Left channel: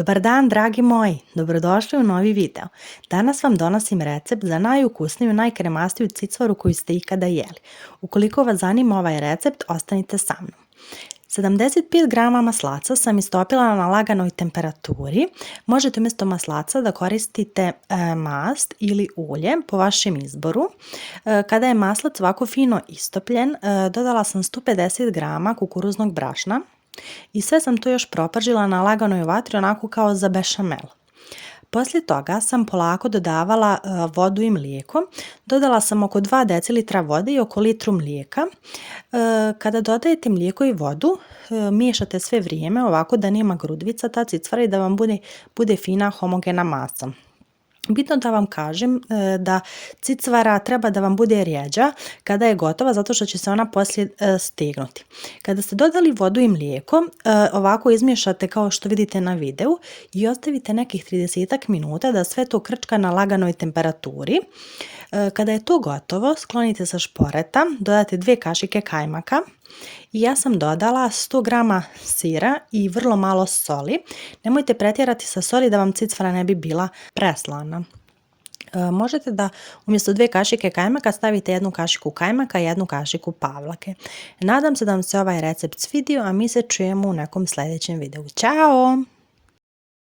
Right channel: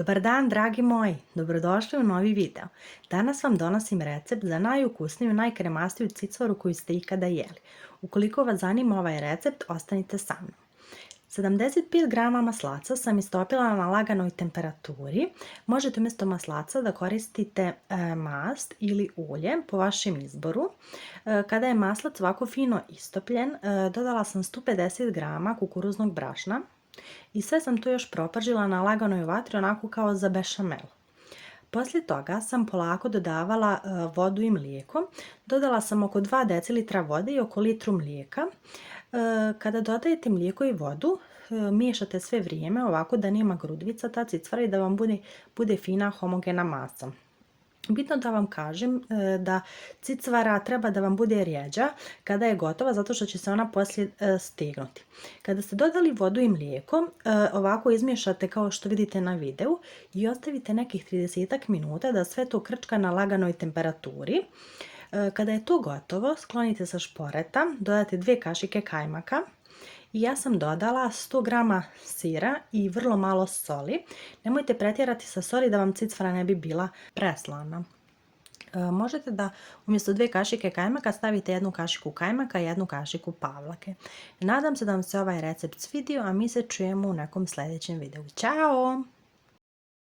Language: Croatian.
Dobar dan, dragi moji, dobrodošli u novi video. Danas vam donosim recept za najukusniju, najkremastiju cicvaru koju ste ikada jeli. Ukoliko vas zanima ovaj recept, ostanite sa mnom. 75 grama maslaca sam istopila na laganoj temperaturi. Možete umjesto maslaca da koristite mast ili ulje po vašem izboru. Kada je maslac ovako fino istopljen, dodala sam 150 grama kukuruznog brašna i sve sam to još propržila na laganoj vatri onako kao za bešamel. Poslije toga sam polako dodavala vodu i mlijeko. Dodala sam oko 2 decilitra vode i oko litru mlijeka. Kada dodajete mlijeko i vodu, miješate sve vrijeme ovako da nema grudvica ta cicvara i da vam bude fina homogena masa. Bitno da vam kažem da cicvara treba da vam bude rjeđa kada je gotova, zato što će se ona poslije stegnuti. Kada ste dodali vodu i mlijeko, ovako izmiješate kao što vidite na videu i ostavite nekih 30 minuta da sve to krčka na laganoj temperaturi. Kada je to gotovo, sklonite sa šporeta, dodate 2 kašike kajmaka i ja sam dodala 100 grama sira i vrlo malo soli. Nemojte pretjerati sa soli da vam cicvara ne bi bila preslana. Možete da umjesto 2 kašike kajmaka stavite 1 kašiku kajmaka i 1 kašiku pavlake. Nadam se da vam se ovaj recept svidio, a mi se čujemo u nekom sljedećem videu. Ćao!